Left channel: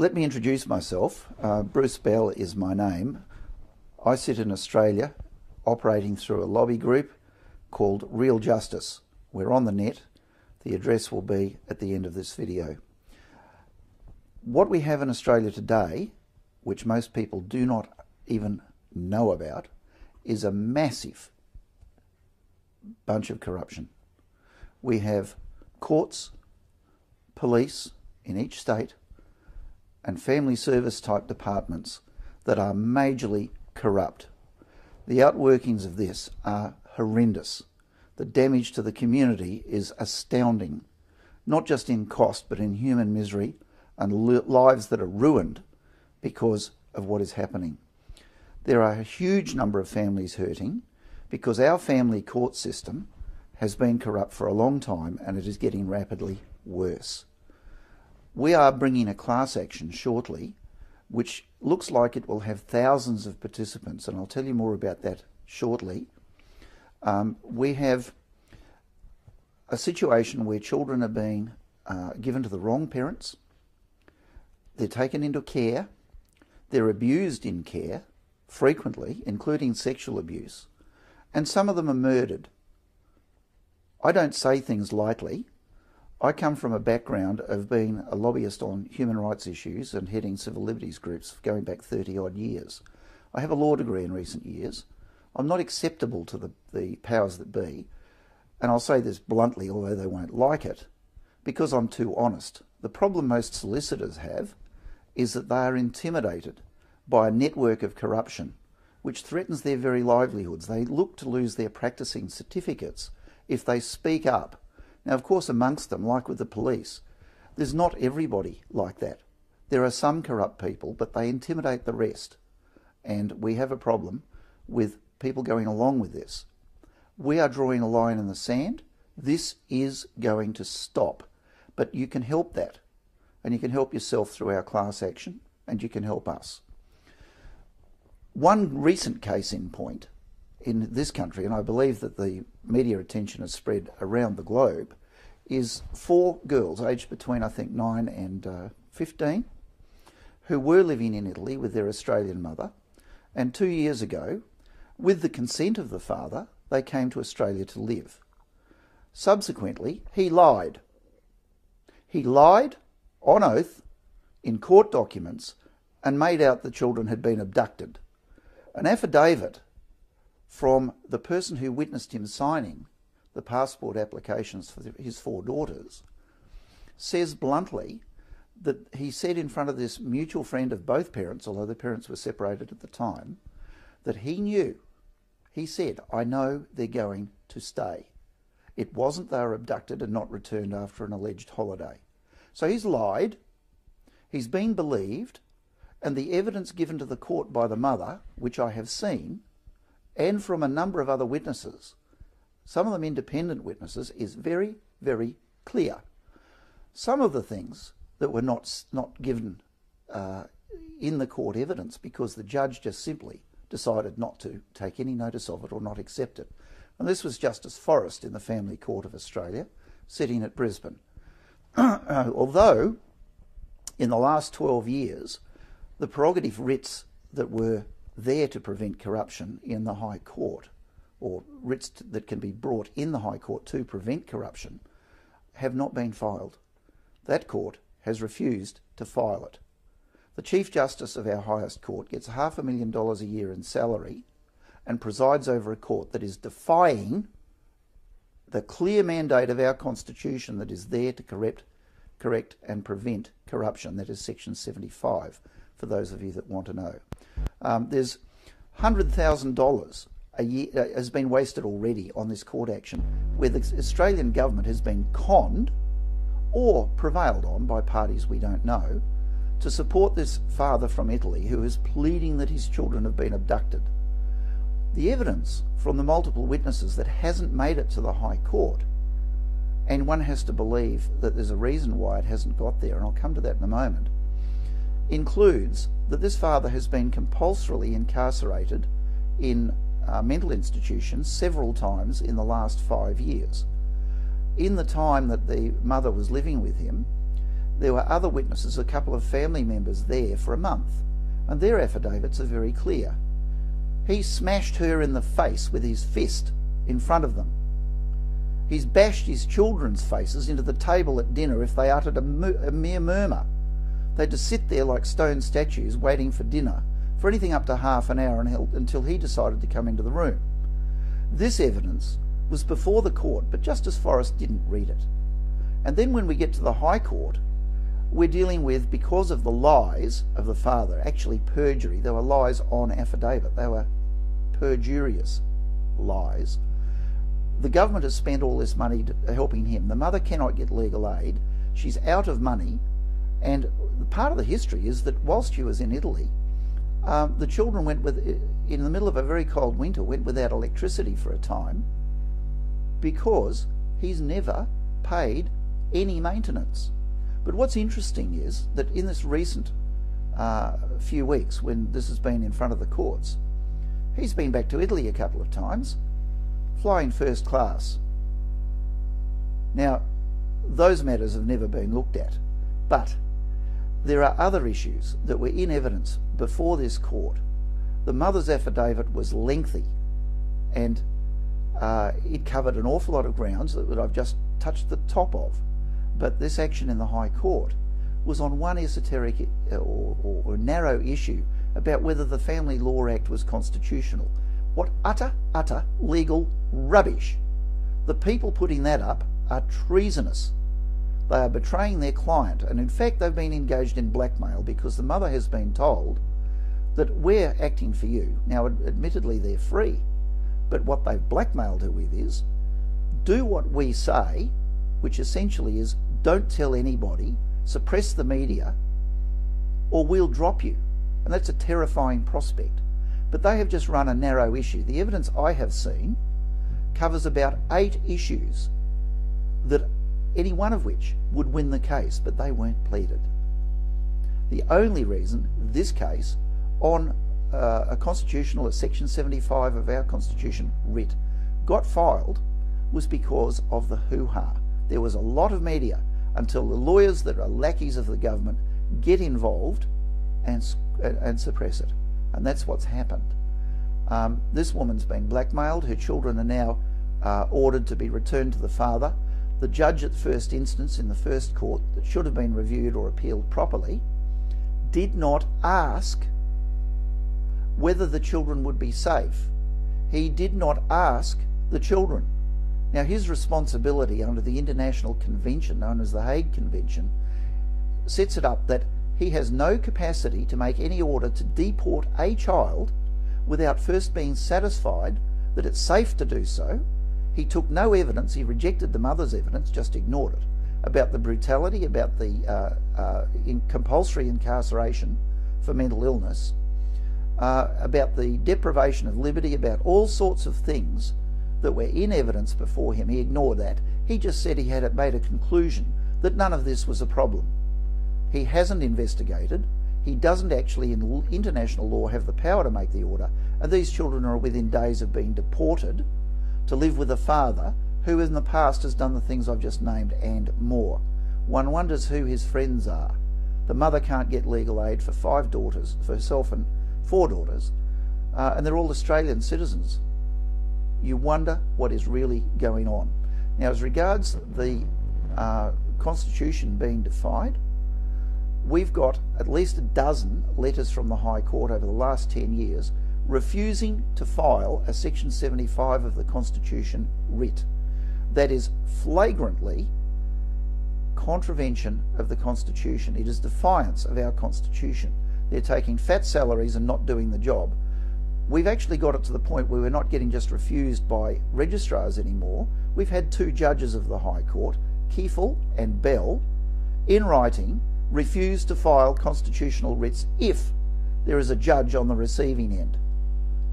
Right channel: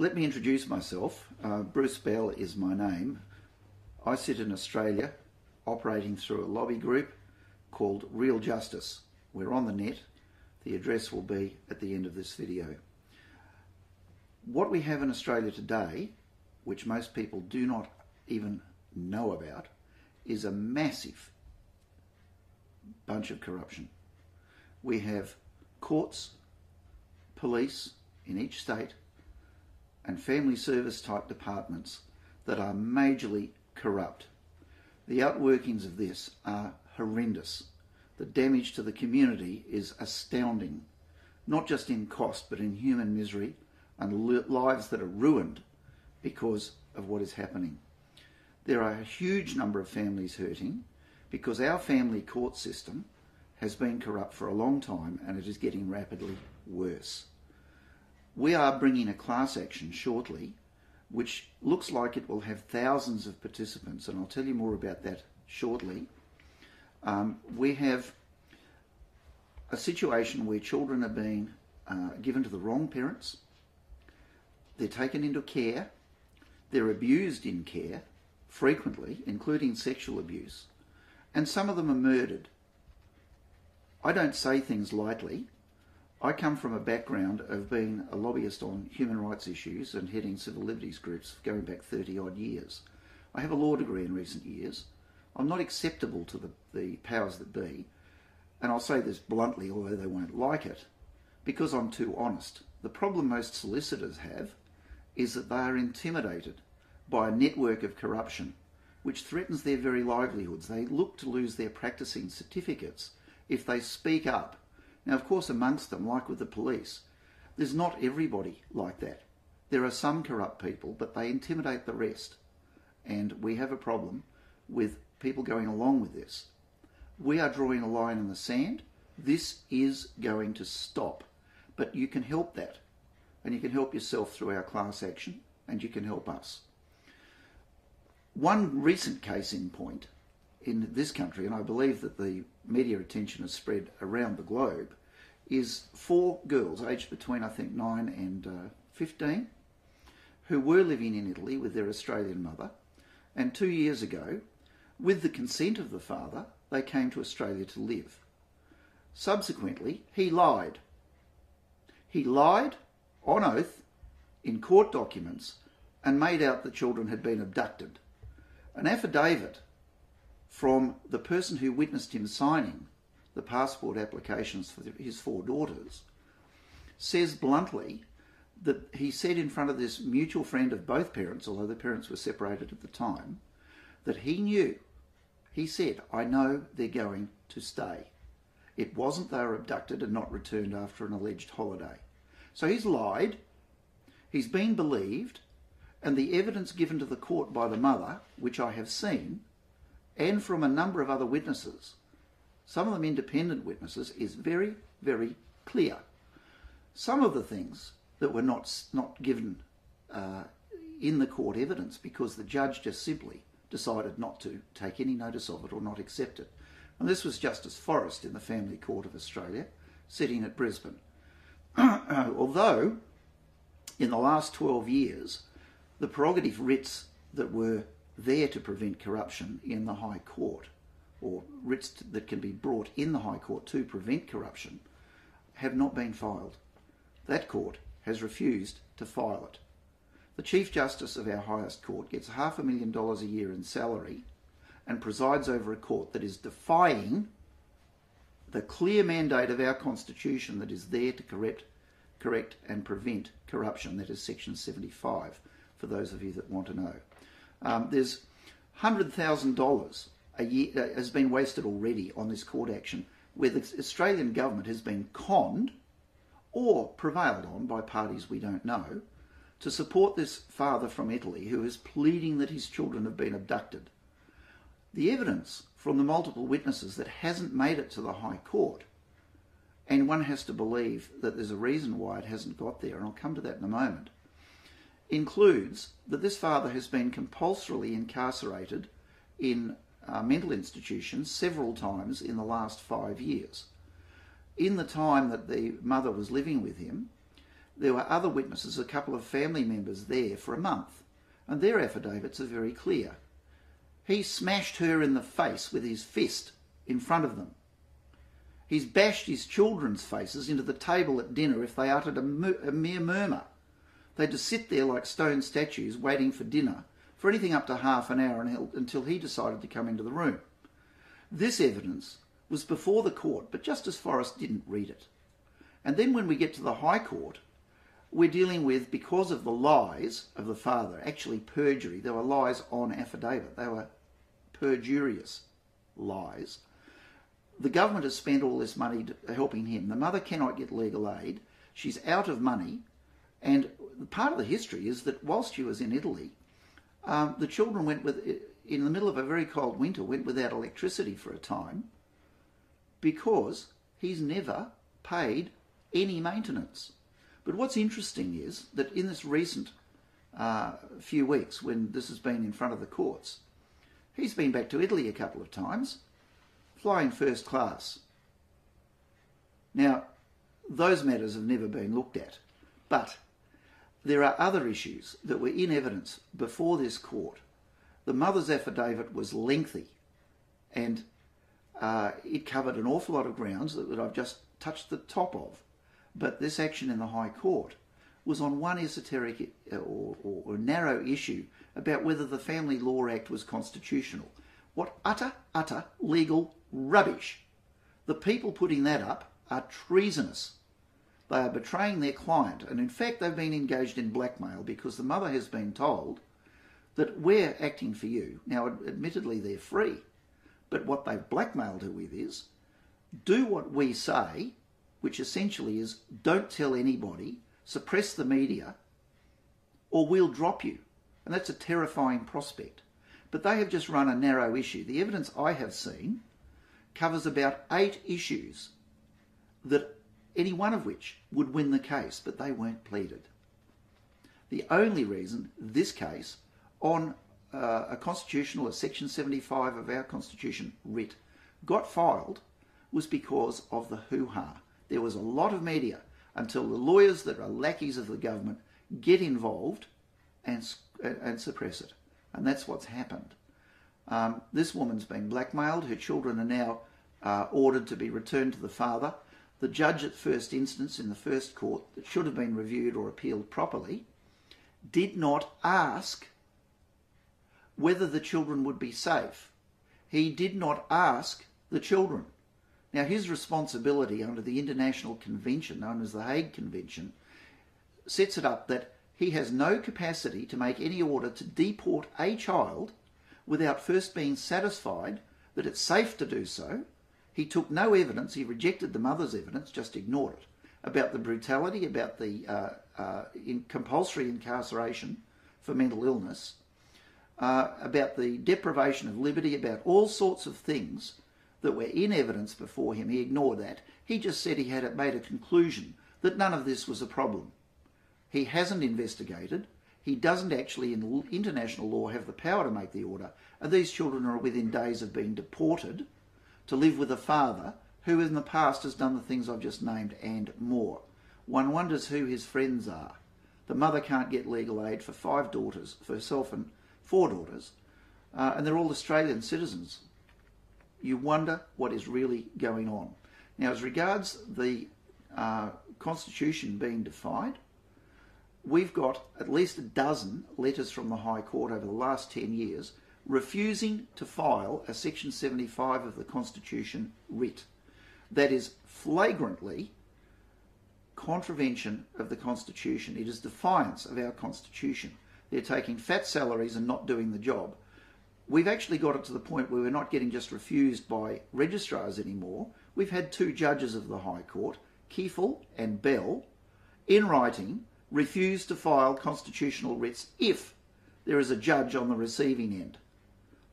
Let me introduce myself. Bruce Bell is my name. I sit in Australia operating through a lobby group called Real Justice. We're on the net. The address will be at the end of this video. What we have in Australia today, which most people do not even know about, is a massive bunch of corruption. We have courts, police in each state, and family service type departments that are majorly corrupt. The outworkings of this are horrendous. The damage to the community is astounding, not just in cost but in human misery and lives that are ruined because of what is happening. There are a huge number of families hurting because our family court system has been corrupt for a long time and it is getting rapidly worse. We are bringing a class action shortly which looks like it will have thousands of participants, and I'll tell you more about that shortly. We have a situation where children are being given to the wrong parents, they're taken into care, they're abused in care frequently, including sexual abuse, and some of them are murdered. I don't say things lightly. I come from a background of being a lobbyist on human rights issues and heading civil liberties groups going back 30 odd years. I have a law degree in recent years. I'm not acceptable to the powers that be, and I'll say this bluntly, although they won't like it, because I'm too honest. The problem most solicitors have is that they are intimidated by a network of corruption which threatens their very livelihoods. They look to lose their practicing certificates if they speak up. Now, of course, amongst them, like with the police, there's not everybody like that. There are some corrupt people, but they intimidate the rest. And we have a problem with people going along with this. We are drawing a line in the sand. This is going to stop. But you can help that. And you can help yourself through our class action, and you can help us. One recent case in point in this country, and I believe that the media attention has spread around the globe, is 4 girls aged between, I think, 9 and 15, who were living in Italy with their Australian mother, and 2 years ago, with the consent of the father, they came to Australia to live. Subsequently, he lied. He lied on oath in court documents and made out the children had been abducted. An affidavit from the person who witnessed him signing the passport applications for his 4 daughters says bluntly that he said in front of this mutual friend of both parents, although the parents were separated at the time, that he knew. He said, "I know they're going to stay." It wasn't they were abducted and not returned after an alleged holiday. So he's lied, he's been believed, and the evidence given to the court by the mother, which I have seen, and from a number of other witnesses, some of them independent witnesses, is very, very clear. Some of the things that were not given in the court evidence because the judge just simply decided not to take any notice of it or not accept it. And this was Justice Forrest in the Family Court of Australia, sitting at Brisbane. Although, in the last 12 years, the prerogative writs that were there to prevent corruption in the High Court, or writs that can be brought in the High Court to prevent corruption, have not been filed. That court has refused to file it. The Chief Justice of our highest court gets $500,000 a year in salary and presides over a court that is defying the clear mandate of our Constitution that is there to correct and prevent corruption. That is Section 75, for those of you that want to know. There's $100,000 a year has been wasted already on this court action, where the Australian government has been conned or prevailed on by parties we don't know to support this father from Italy who is pleading that his children have been abducted. The evidence from the multiple witnesses that hasn't made it to the High Court, and one has to believe that there's a reason why it hasn't got there, and I'll come to that in a moment, includes that this father has been compulsorily incarcerated in mental institutions several times in the last 5 years. In the time that the mother was living with him, there were other witnesses, a couple of family members there for a month, and their affidavits are very clear. He smashed her in the face with his fist in front of them. He's bashed his children's faces into the table at dinner if they uttered a mere murmur. They'd just sit there like stone statues waiting for dinner for anything up to half an hour until he decided to come into the room. This evidence was before the court, but Justice Forrest didn't read it. And then when we get to the High Court, we're dealing with, because of the lies of the father, actually perjury. There were lies on affidavit. They were perjurious lies. The government has spent all this money helping him. The mother cannot get legal aid. She's out of money. And part of the history is that whilst she was in Italy, the children in the middle of a very cold winter, went without electricity for a time because he's never paid any maintenance. But what's interesting is that in this recent few weeks, when this has been in front of the courts, he's been back to Italy a couple of times, flying first class. Now, those matters have never been looked at, but there are other issues that were in evidence before this court. The mother's affidavit was lengthy, and it covered an awful lot of grounds that I've just touched the top of. But this action in the High Court was on one esoteric or narrow issue about whether the Family Law Act was constitutional. What utter legal rubbish. The people putting that up are treasonous. They are betraying their client, and in fact they've been engaged in blackmail because the mother has been told that we're acting for you. Now, admittedly, they're free, but what they've blackmailed her with is, do what we say, which essentially is, don't tell anybody, suppress the media, or we'll drop you. And that's a terrifying prospect. But they have just run a narrow issue. The evidence I have seen covers about 8 issues, that any one of which would win the case, but they weren't pleaded. The only reason this case on a Section 75 of our Constitution writ got filed was because of the hoo-ha. There was a lot of media until the lawyers that are lackeys of the government get involved and suppress it. And that's what's happened. This woman's been blackmailed. Her children are now ordered to be returned to the father. The judge at first instance in the first court, that should have been reviewed or appealed properly, did not ask whether the children would be safe. He did not ask the children. Now, his responsibility under the international convention known as the Hague Convention sets it up that he has no capacity to make any order to deport a child without first being satisfied that it's safe to do so. He took no evidence, he rejected the mother's evidence, just ignored it, about the brutality, about the compulsory incarceration for mental illness, about the deprivation of liberty, about all sorts of things that were in evidence before him. He ignored that. He just said he had made a conclusion that none of this was a problem. He hasn't investigated. He doesn't actually, in international law, have the power to make the order, and these children are within days of being deported to live with a father who in the past has done the things I've just named and more. One wonders who his friends are. The mother can't get legal aid for 5 daughters, for herself and 4 daughters, and they're all Australian citizens. You wonder what is really going on. Now, as regards the Constitution being defied, we've got at least a dozen letters from the High Court over the last 10 years refusing to file a Section 75 of the Constitution writ. That is flagrantly contravention of the Constitution. It is defiance of our Constitution. They're taking fat salaries and not doing the job. We've actually got it to the point where we're not getting just refused by registrars anymore. We've had 2 judges of the High Court, Kiefel and Bell, in writing, refuse to file constitutional writs if there is a judge on the receiving end.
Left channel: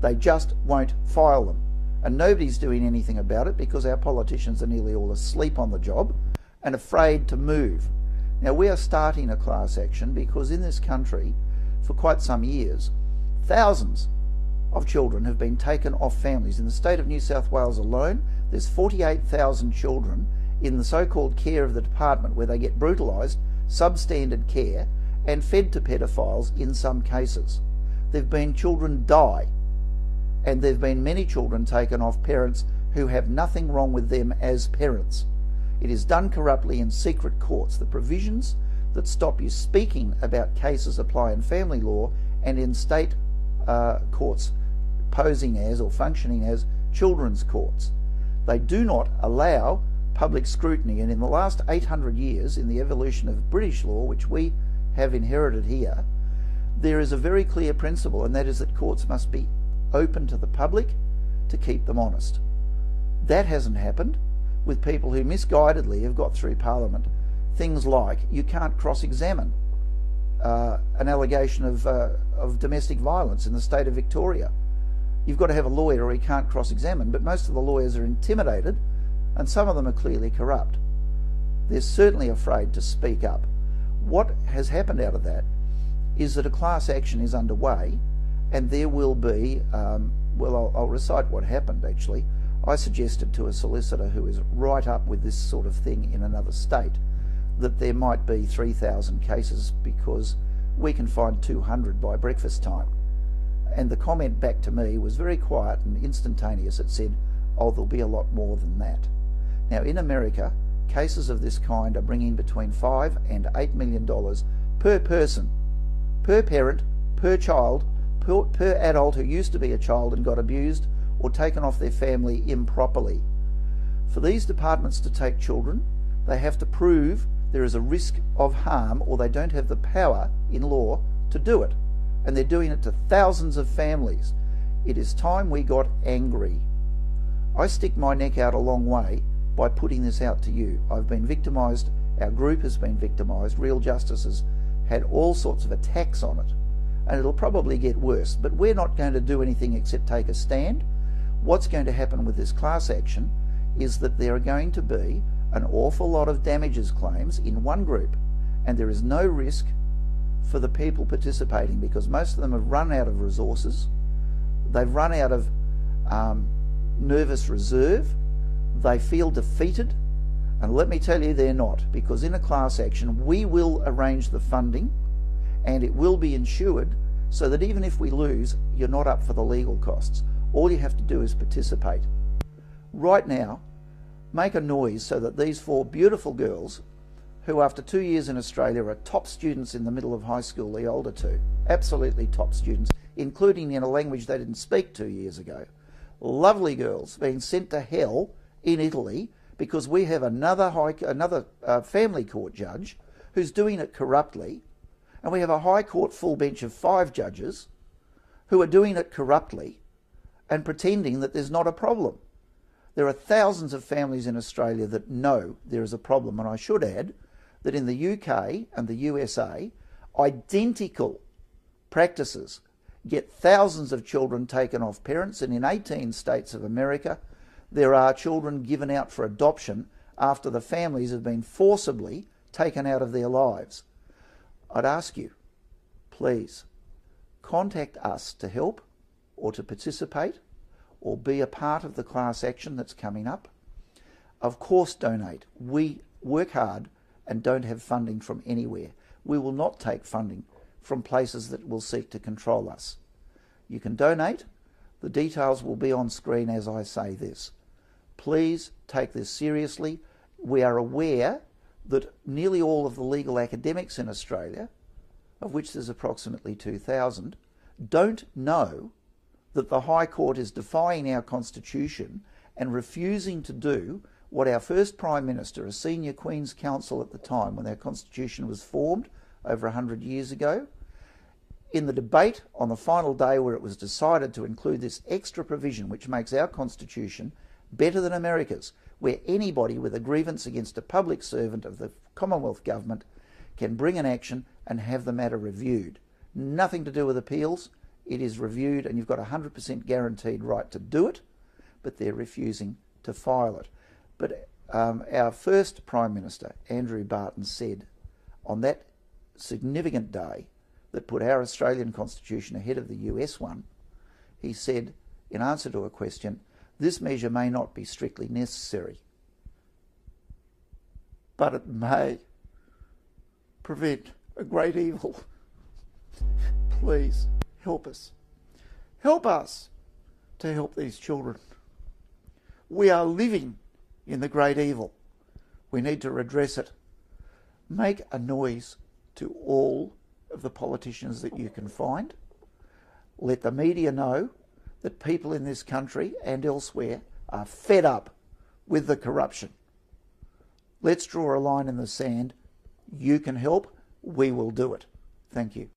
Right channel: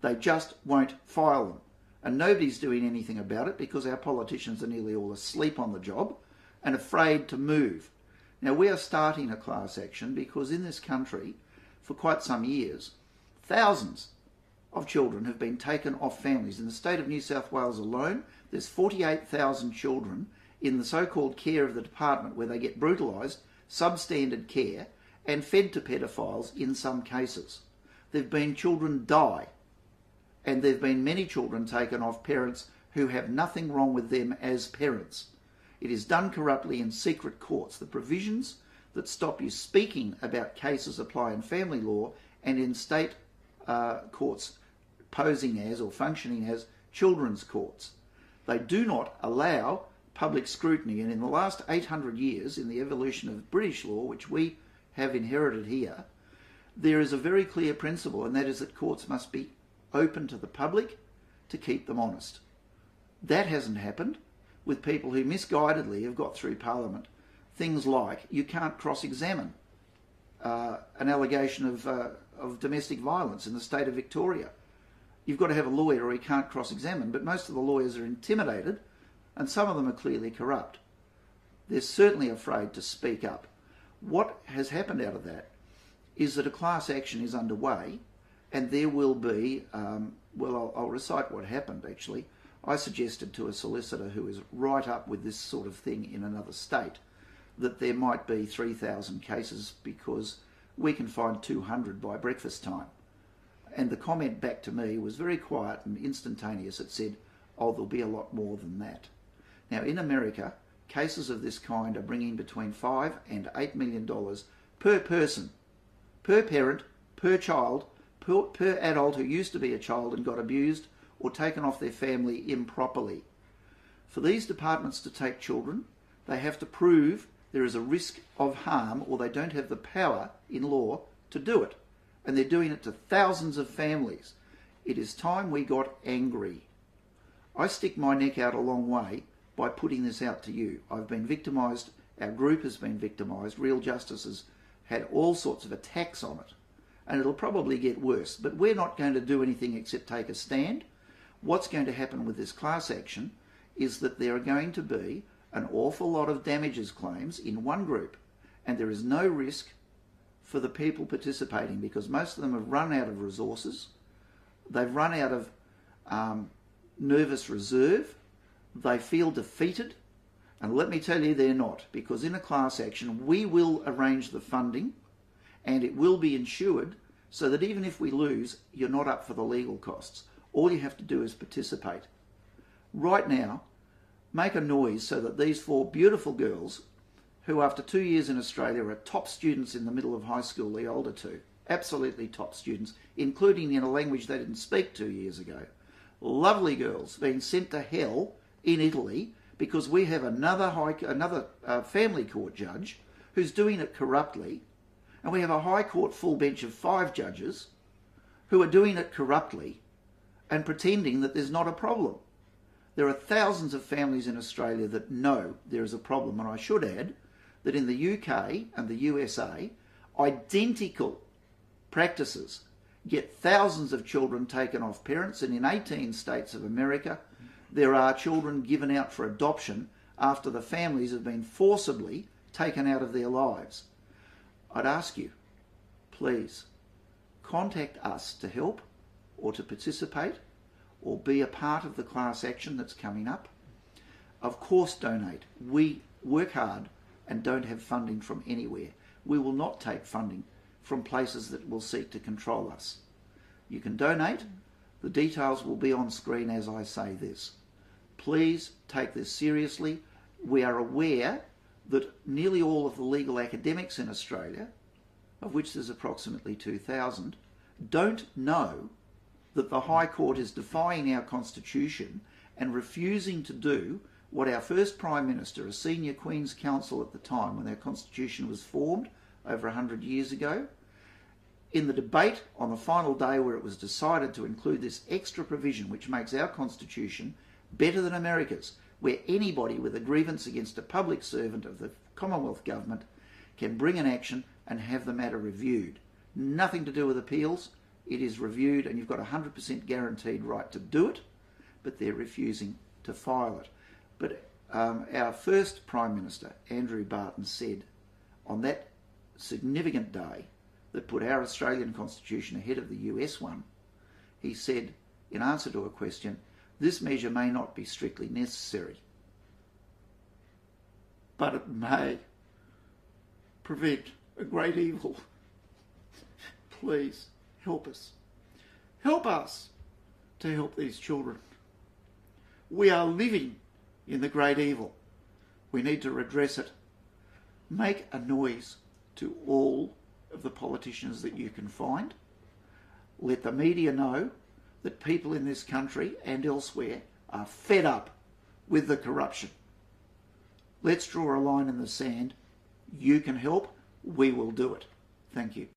They just won't file them. And nobody's doing anything about it because our politicians are nearly all asleep on the job and afraid to move. Now, we are starting a class action because in this country, for quite some years, thousands of children have been taken off families. In the state of New South Wales alone, there's 48,000 children in the so-called care of the department where they get brutalised substandard care and fed to pedophiles in some cases. There have been children die, and there have been many children taken off parents who have nothing wrong with them as parents. It is done corruptly in secret courts. The provisions that stop you speaking about cases apply in family law and in state courts posing as or functioning as children's courts. They do not allow public scrutiny, and in the last 800 years, in the evolution of British law, which we have inherited here, there is a very clear principle, and that is that courts must be open to the public to keep them honest. That hasn't happened with people who misguidedly have got through Parliament. Things like you can't cross-examine an allegation of domestic violence in the state of Victoria. You've got to have a lawyer or you can't cross-examine, but most of the lawyers are intimidated and some of them are clearly corrupt. They're certainly afraid to speak up. What has happened out of that is that a class action is underway, and there will be, well, I'll recite what happened actually. I suggested to a solicitor who is right up with this sort of thing in another state that there might be 3,000 cases because we can find 200 by breakfast time. And the comment back to me was very quiet and instantaneous. It said, oh, there'll be a lot more than that. Now in America, cases of this kind are bringing between $5 and $8 million per person, per parent, per child, per adult who used to be a child and got abused or taken off their family improperly. For these departments to take children, they have to prove there is a risk of harm, or they don't have the power in law to do it. And they're doing it to thousands of families. It is time we got angry. I stick my neck out a long way by putting this out to you. I've been victimised, our group has been victimised, Real Justice has had all sorts of attacks on it, and it'll probably get worse, but we're not going to do anything except take a stand. What's going to happen with this class action is that there are going to be an awful lot of damages claims in one group, and there is no risk for the people participating because most of them have run out of resources, they've run out of nervous reserve, they feel defeated, and let me tell you they're not, because in a class action we will arrange the funding and it will be insured so that even if we lose, you're not up for the legal costs. All you have to do is participate. Right now, make a noise so that these 4 beautiful girls, who after 2 years in Australia are top students in the middle of high school, the older two, absolutely top students, including in a language they didn't speak 2 years ago. Lovely girls being sent to hell in Italy because we have another family court judge who's doing it corruptly, and we have a high court full bench of 5 judges who are doing it corruptly and pretending that there's not a problem. There are thousands of families in Australia that know there is a problem, and I should add that in the UK and the USA, identical practices get thousands of children taken off parents, and in 18 states of America, there are children given out for adoption after the families have been forcibly taken out of their lives. I'd ask you, please, contact us to help or to participate or be a part of the class action that's coming up. Of course, donate. We work hard and don't have funding from anywhere. We will not take funding from places that will seek to control us. You can donate. The details will be on screen as I say this. Please take this seriously. We are aware that nearly all of the legal academics in Australia, of which there's approximately 2,000, don't know that the High Court is defying our Constitution and refusing to do what our first Prime Minister, a senior Queen's Counsel at the time when our Constitution was formed over 100 years ago, in the debate on the final day where it was decided to include this extra provision which makes our Constitution better than America's, where anybody with a grievance against a public servant of the Commonwealth Government can bring an action and have the matter reviewed. Nothing to do with appeals. It is reviewed and you've got a 100% guaranteed right to do it, but they're refusing to file it. But our first Prime Minister, Andrew Barton, said on that significant day that put our Australian Constitution ahead of the US one, he said, in answer to a question, this measure may not be strictly necessary, but it may. prevent a great evil. Please help us. Help us to help these children. We are living in the great evil. We need to redress it. Make a noise to all of the politicians that you can find. Let the media know that people in this country and elsewhere are fed up with the corruption. Let's draw a line in the sand. You can help. We will do it. Thank you.